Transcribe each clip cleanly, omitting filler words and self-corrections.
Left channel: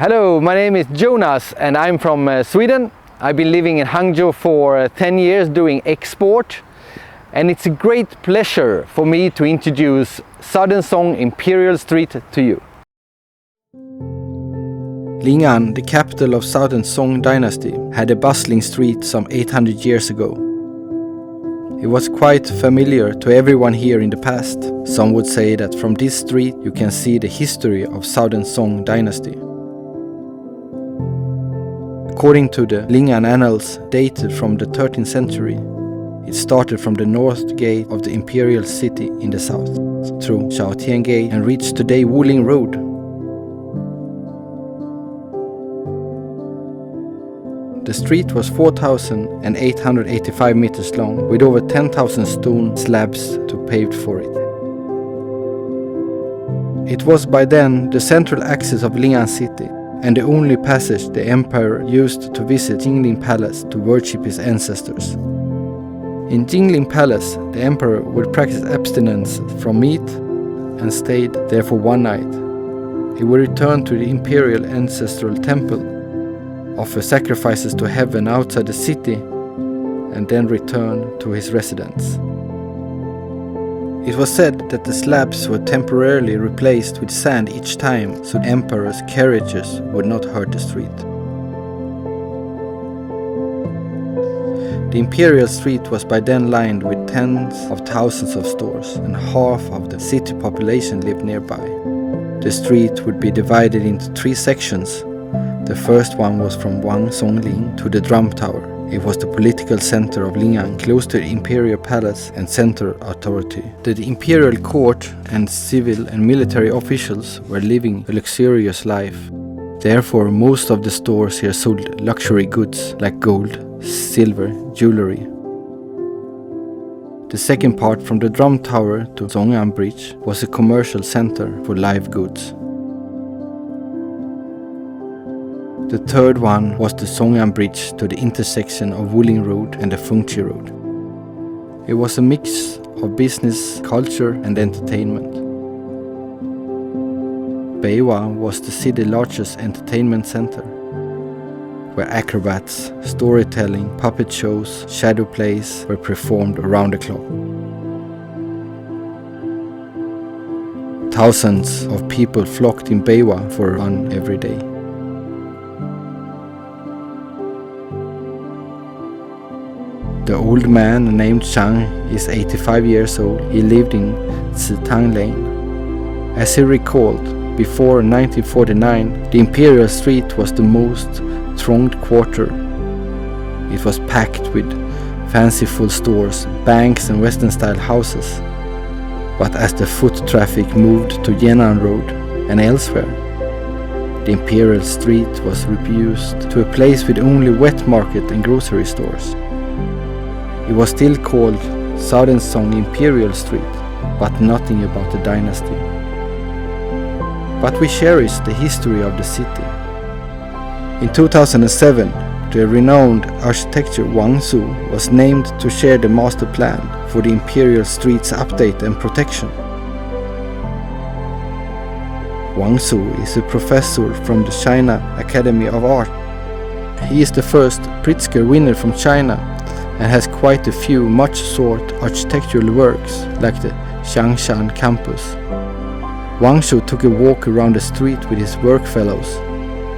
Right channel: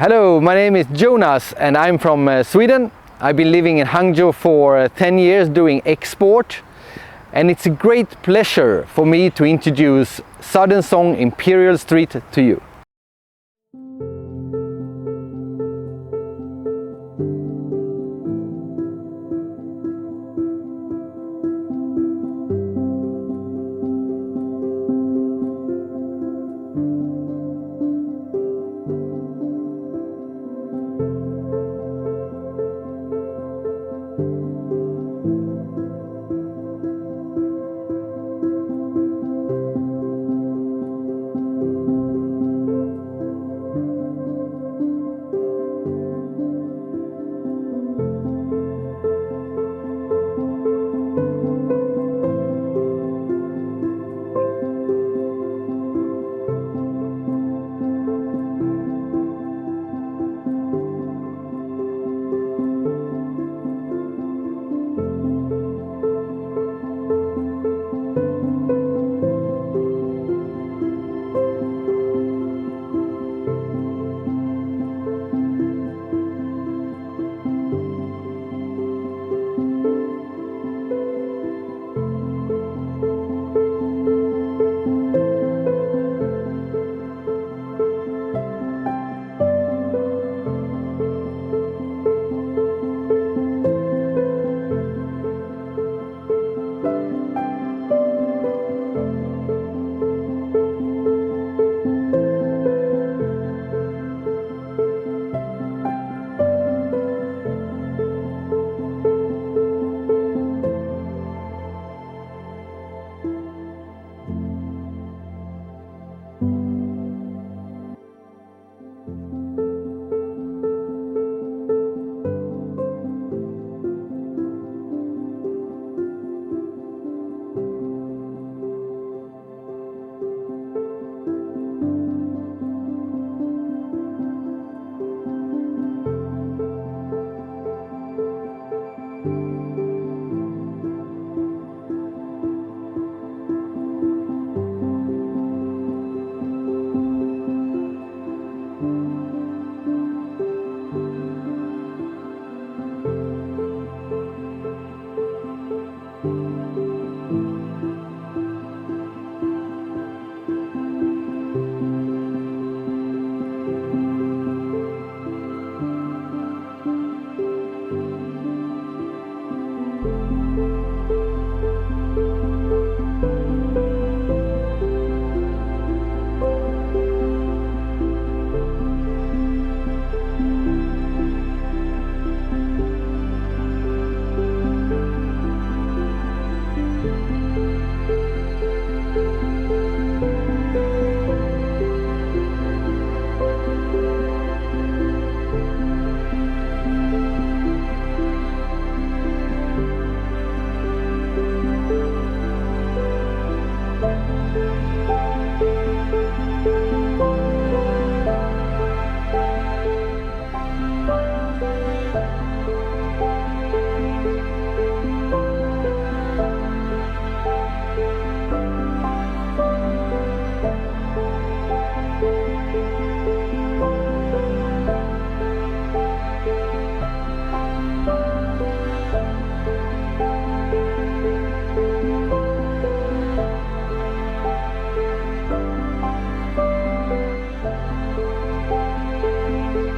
Hello, my name is Jonas and I'm from Sweden. I've been living in Hangzhou for 10 years doing export, and it's a great pleasure for me to introduce Southern Song Imperial Street to you. Lin'an, the capital of Southern Song Dynasty, had a bustling street some 800 years ago. It was quite familiar to everyone here in the past. Some would say that from this street you can see the history of Southern Song Dynasty. According to the Lin'an Annals, dated from the 13th century, it started from the north gate of the Imperial City in the south, through Xiaotian Gate and reached today Wuling Road. The street was 4,885 meters long, with over 10,000 stone slabs to pave for it. It was by then the central axis of Lin'an City, and the only passage the emperor used to visit Jingling Palace to worship his ancestors. In Jingling Palace, the emperor would practice abstinence from meat and stayed there for one night. He would return to the imperial ancestral temple, offer sacrifices to heaven outside the city, and then return to his residence. It was said that the slabs were temporarily replaced with sand each time, so the emperor's carriages would not hurt the street. The imperial street was by then lined with tens of thousands of stores, and half of the city population lived nearby. The street would be divided into 3 sections. The first one was from Wangsongling to the Drum Tower. It was the political center of Lin'an, close to the imperial palace and center authority. The imperial court and civil and military officials were living a luxurious life. Therefore, most of the stores here sold luxury goods like gold, silver, jewelry. The second part, from the Drum Tower to Zhongyang Bridge, was a commercial center for live goods. The third one was the Zhongyang Bridge to the intersection of Wuling Road and the Fengqi Road. It was a mix of business, culture and entertainment. Beiwa was the city's largest entertainment center, where acrobats, storytelling, puppet shows, shadow plays were performed around the clock. Thousands of people flocked in Beiwa for a run every day. The old man named Chang is 85 years old. He lived in Citang Lane. As he recalled, before 1949, the Imperial Street was the most thronged quarter. It was packed with fanciful stores, banks and Western-style houses. But as the foot traffic moved to Yan'an Road and elsewhere, the Imperial Street was reduced to a place with only wet market and grocery stores. It was still called Southern Song Imperial Street, but nothing about the dynasty. But we cherish the history of the city. In 2007, the renowned architect Wangsu was named to share the master plan for the Imperial Street's update and protection. Wangsu is a professor from the China Academy of Art. He is the first Pritzker winner from China and has quite a few much sought architectural works, like the Changshan campus. Wangsu took a walk around the street with his work fellows.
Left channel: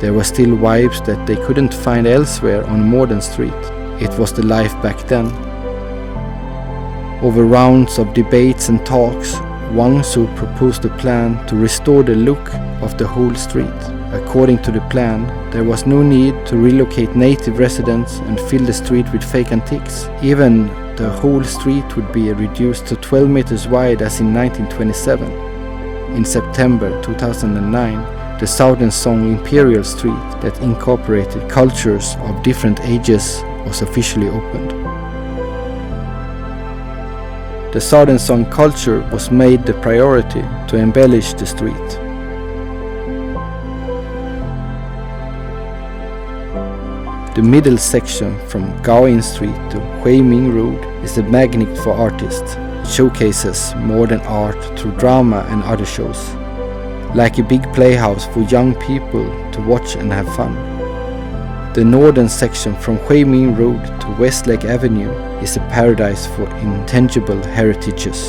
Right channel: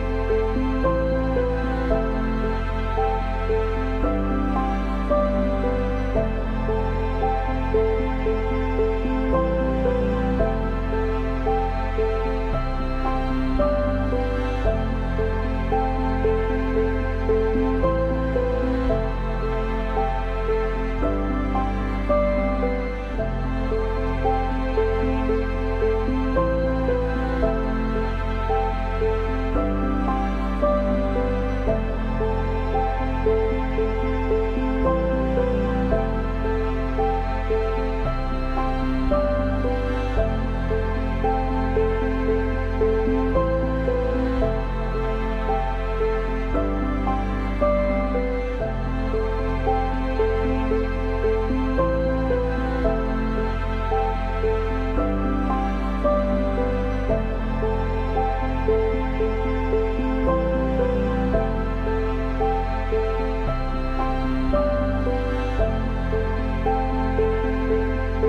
There were still vibes that they couldn't find elsewhere on a modern street. It was the life back then. Over rounds of debates and talks, Wangsu proposed a plan to restore the look of the whole street. According to the plan, there was no need to relocate native residents and fill the street with fake antiques. Even the whole street would be reduced to 12 meters wide as in 1927. In September 2009, the Southern Song Imperial Street, that incorporated cultures of different ages, was officially opened. The Southern Song culture was made the priority to embellish the street. The middle section from Gaoyin Street to Huiming Road is a magnet for artists. It showcases modern art through drama and other shows. like a big playhouse for young people to watch and have fun. The northern section from Huiming Road to Westlake Avenue is a paradise for intangible heritages.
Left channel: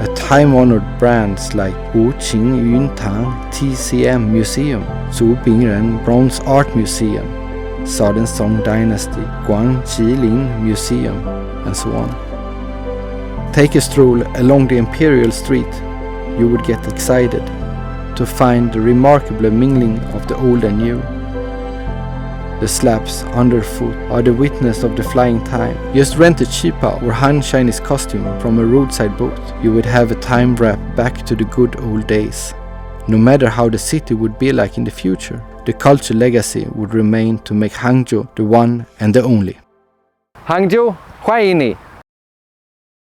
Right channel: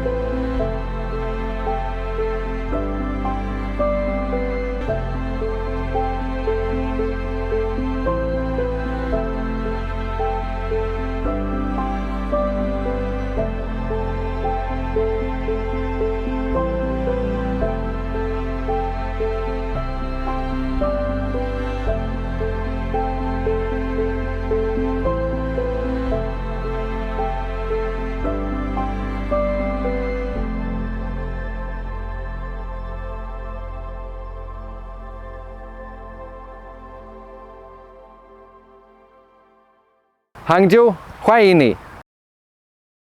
A time-honored brands like Wuqing Yuntang TCM Museum, Zubingren Bronze Art Museum, Southern Song Dynasty, Jingling Museum, and so on. Take a stroll along the Imperial Street. You would get excited to find the remarkable mingling of the old and new. The slabs underfoot are the witness of the flying time. Just rent a cheapo or Han Chinese costume from a roadside booth. You would have a time wrap back to the good old days. No matter how the city would be like in the future, the cultural legacy would remain to make Hangzhou the one and the only. Hangzhou, 欢迎你。